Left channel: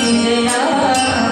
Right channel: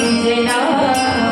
They know.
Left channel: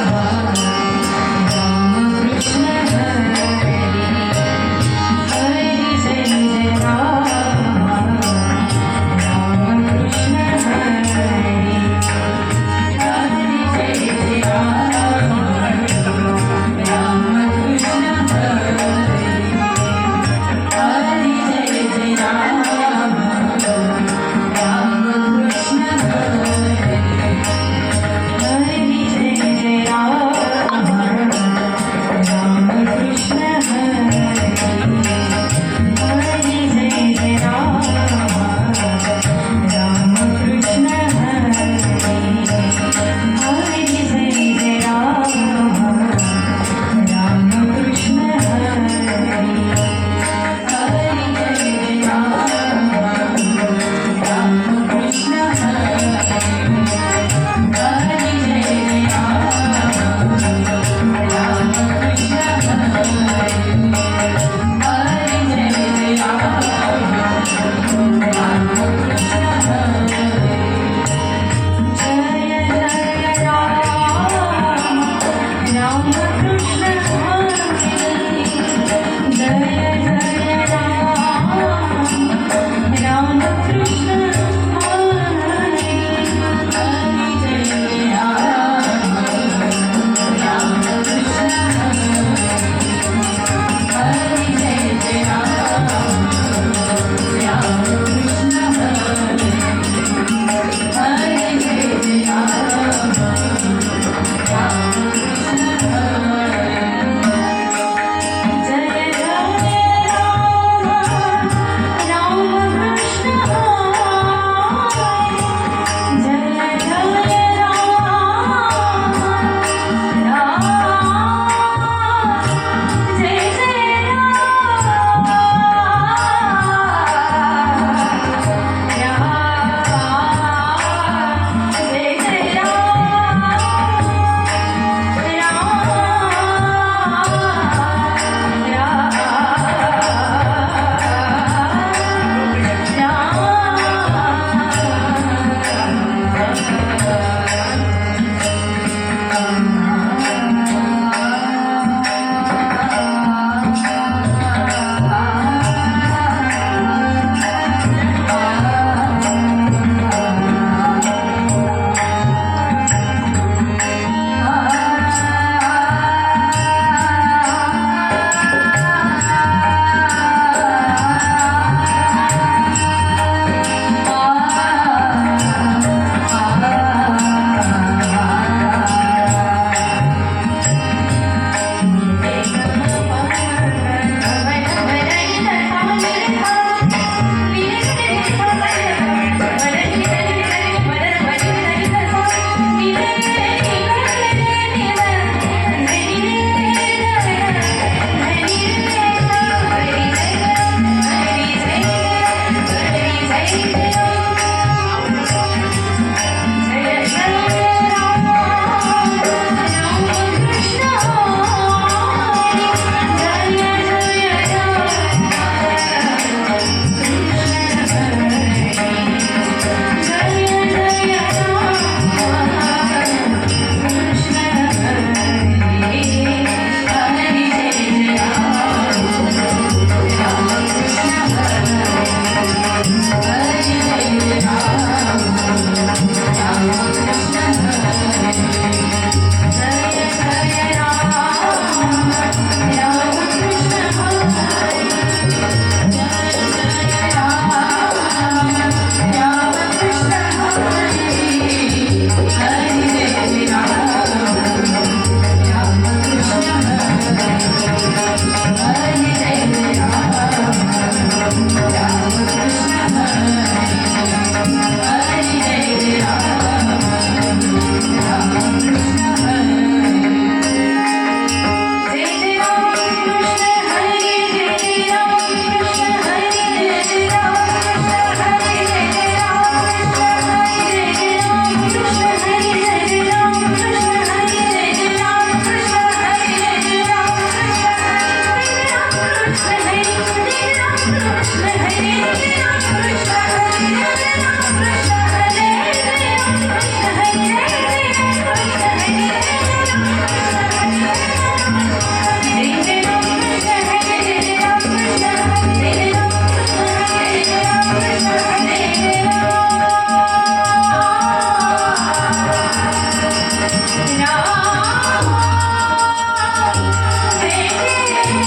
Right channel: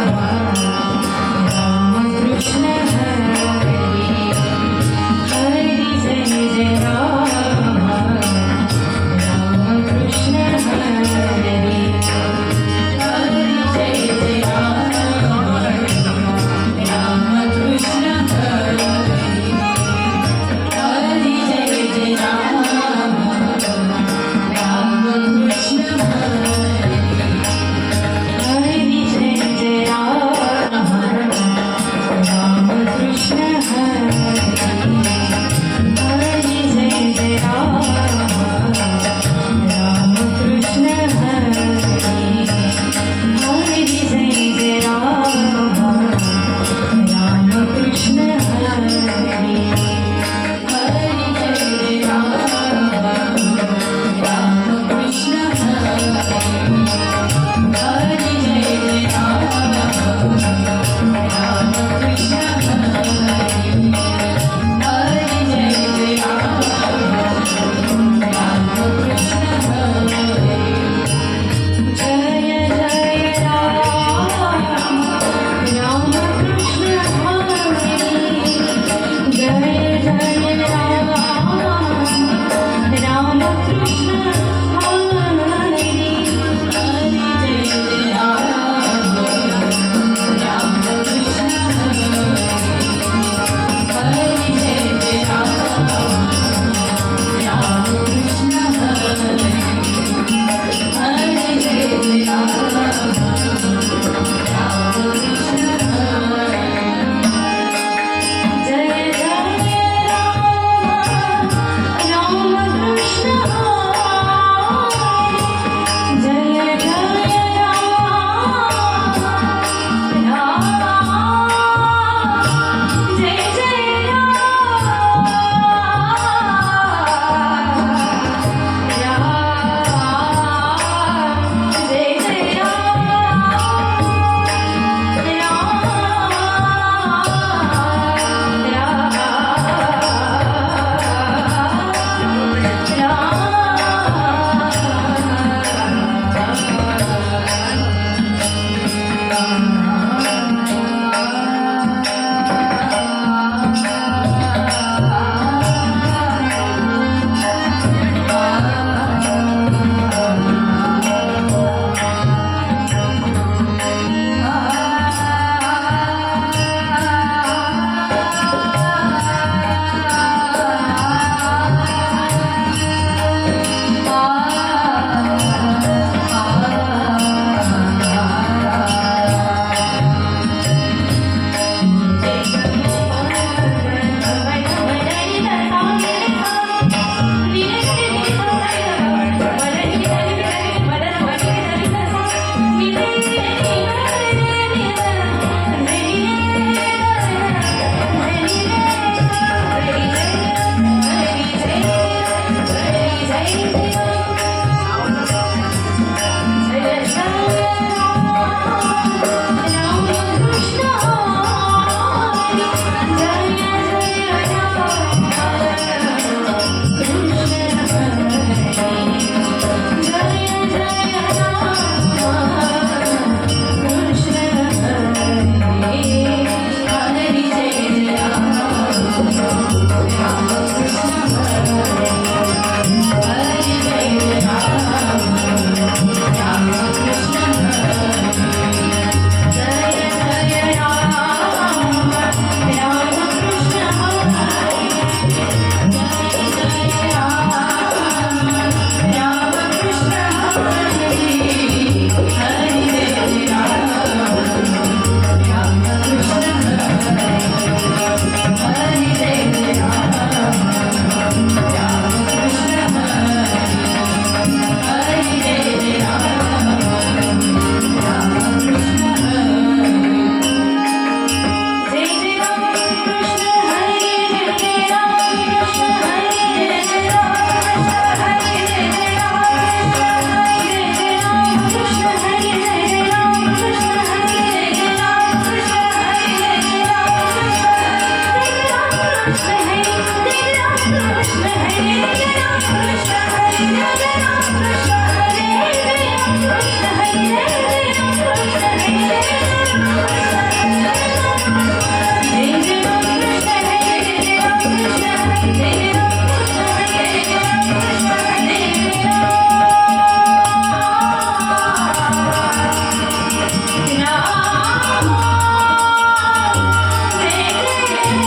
Oh, oh,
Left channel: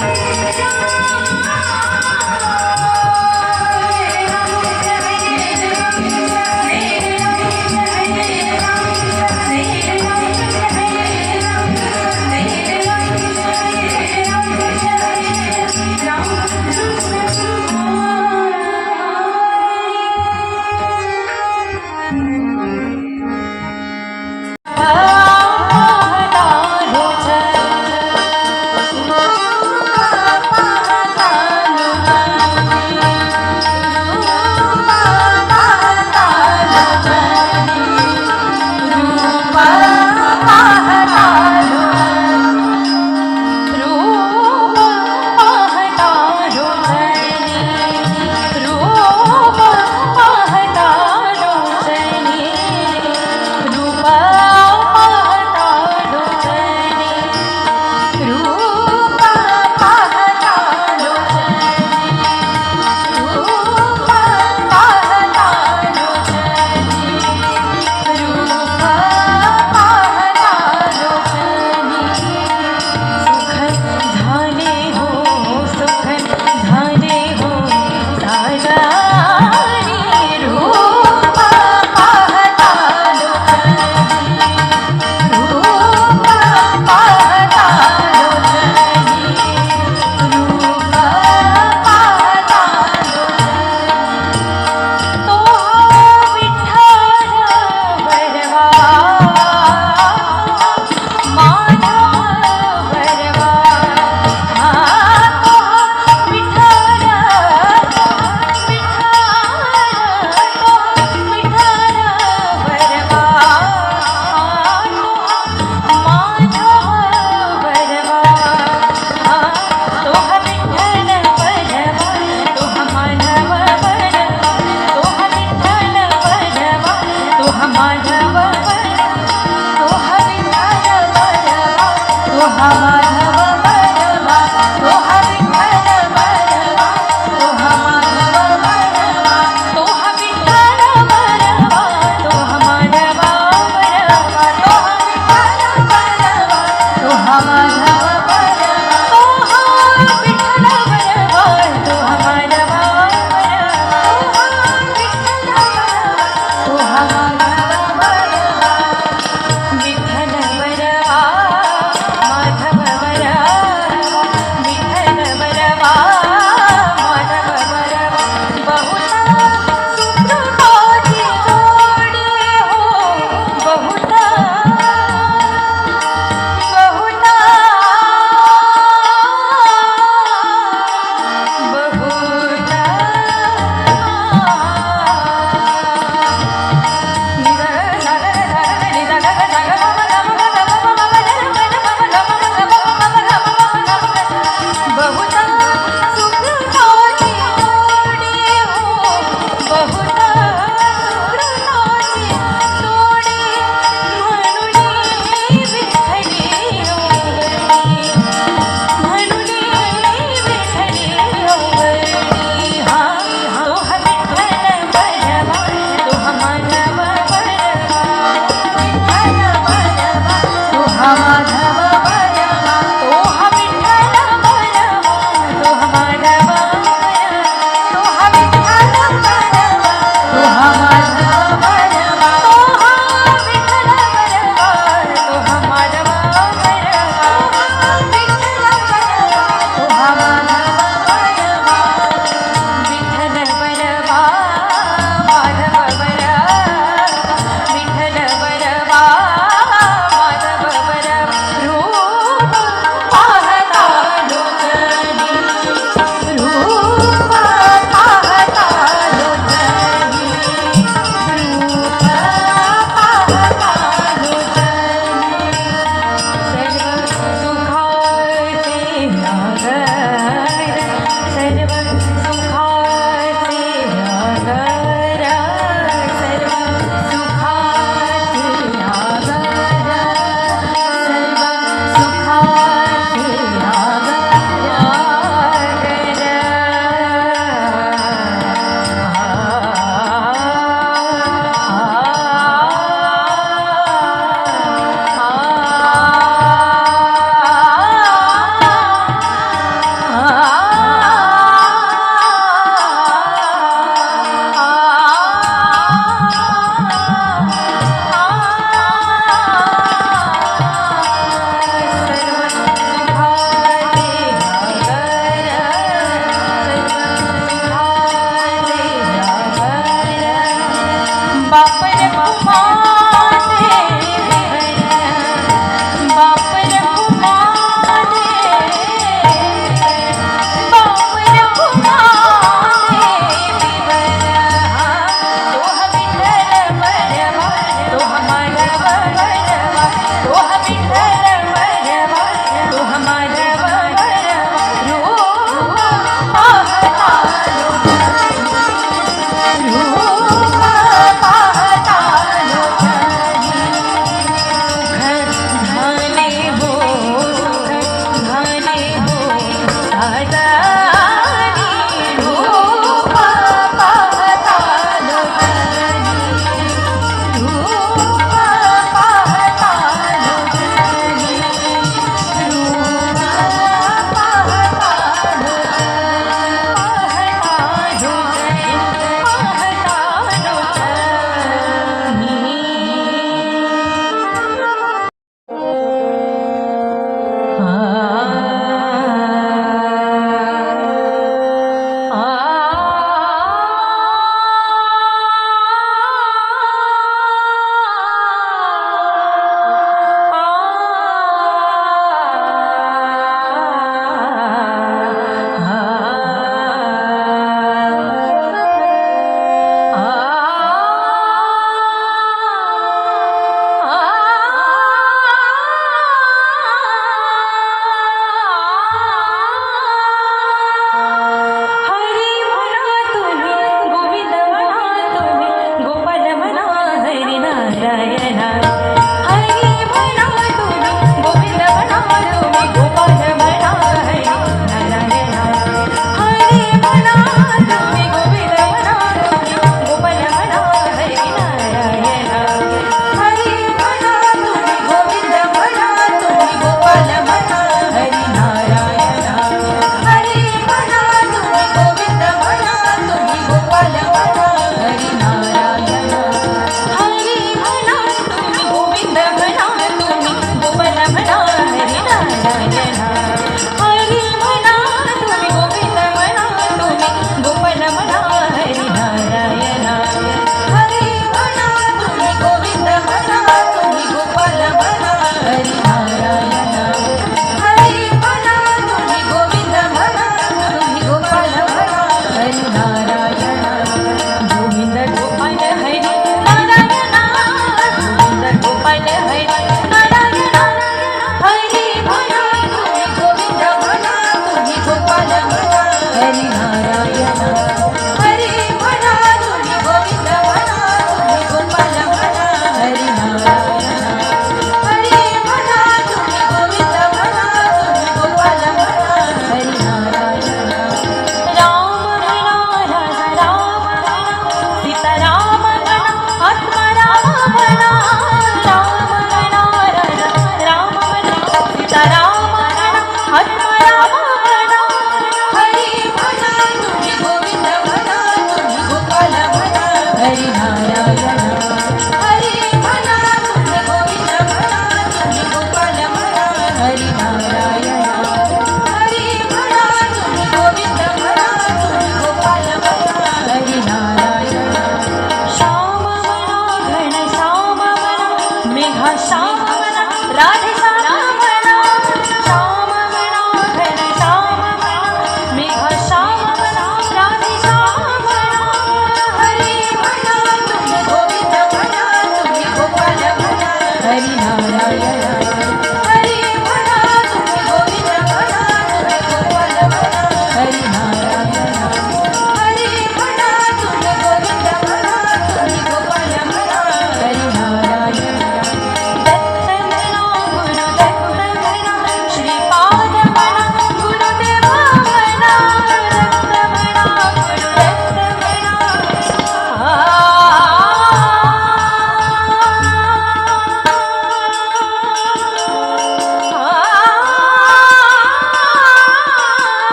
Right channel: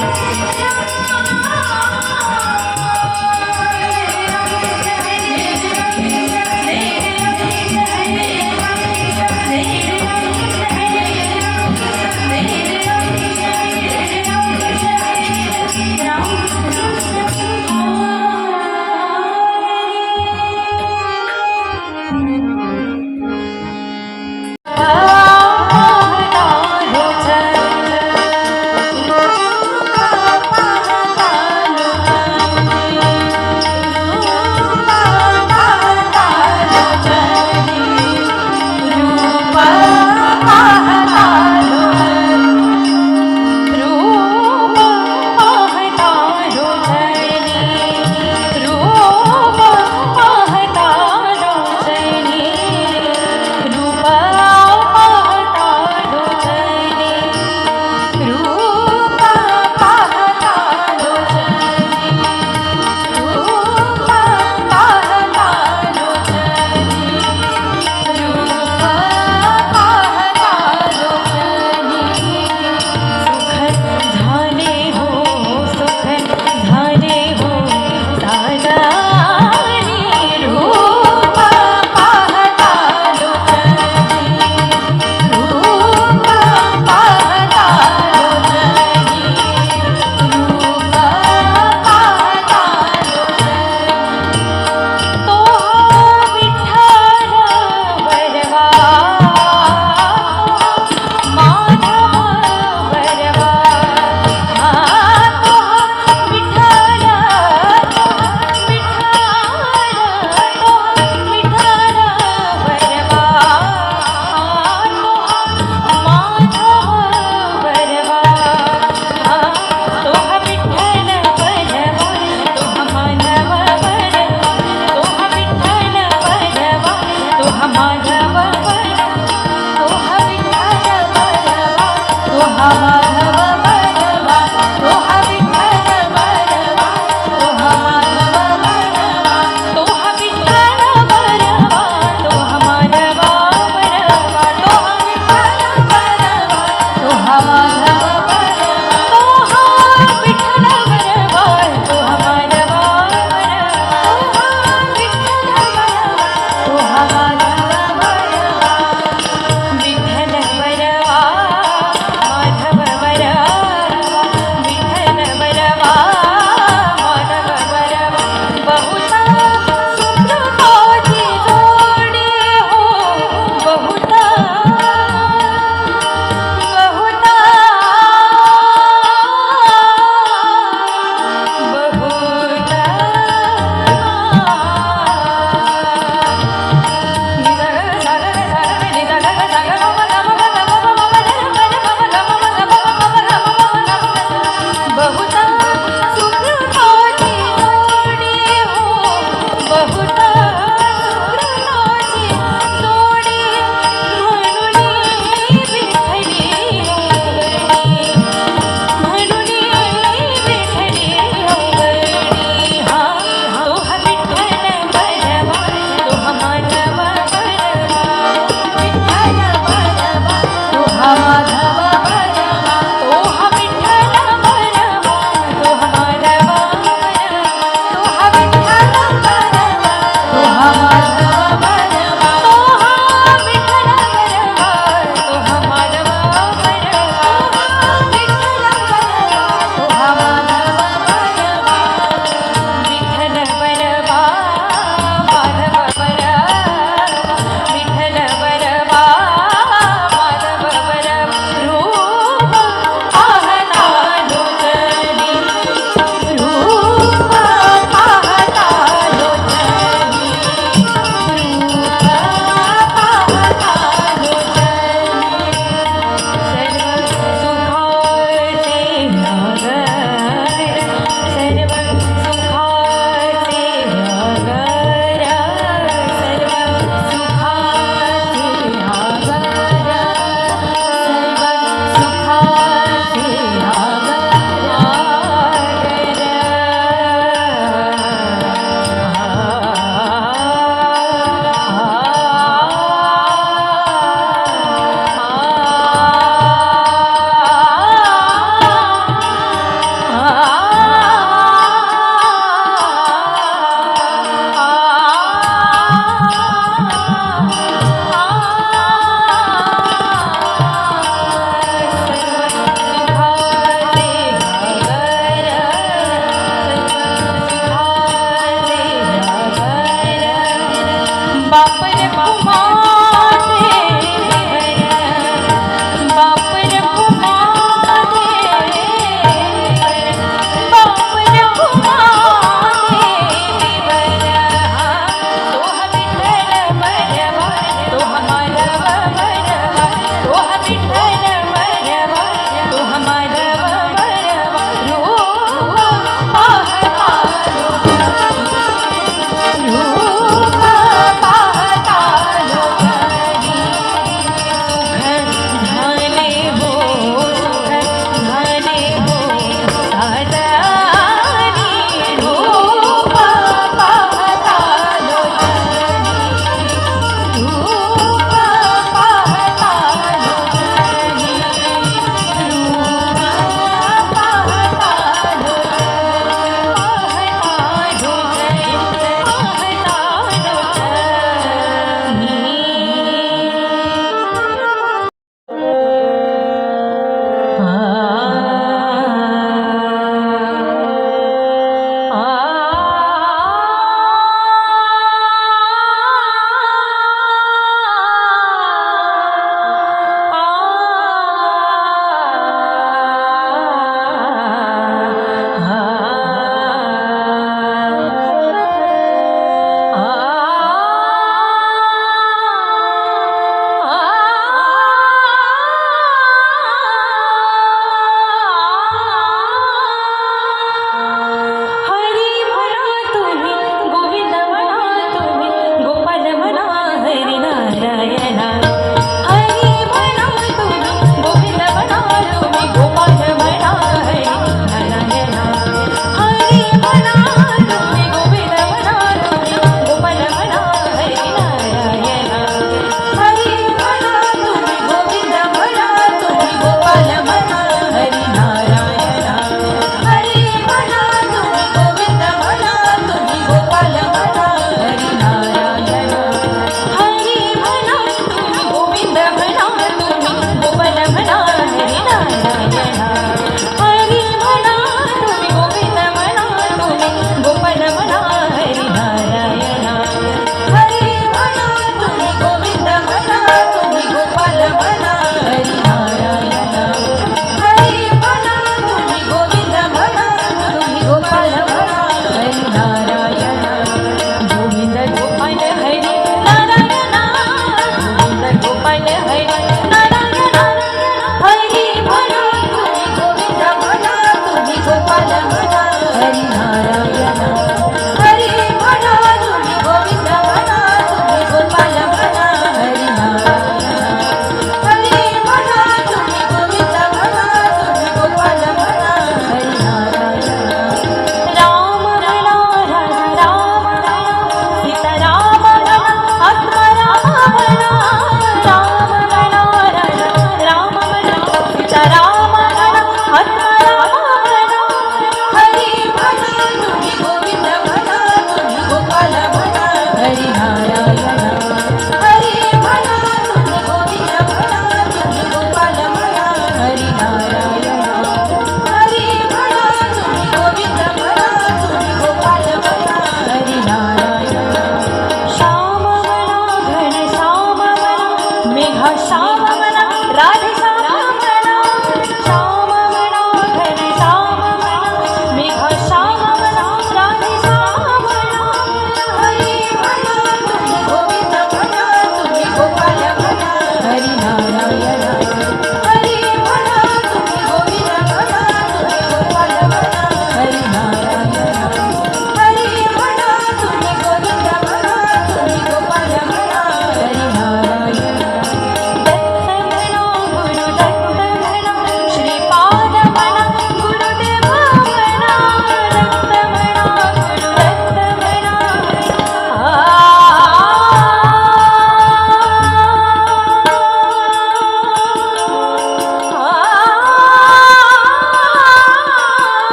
oh,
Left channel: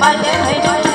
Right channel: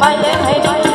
Ba nhớ.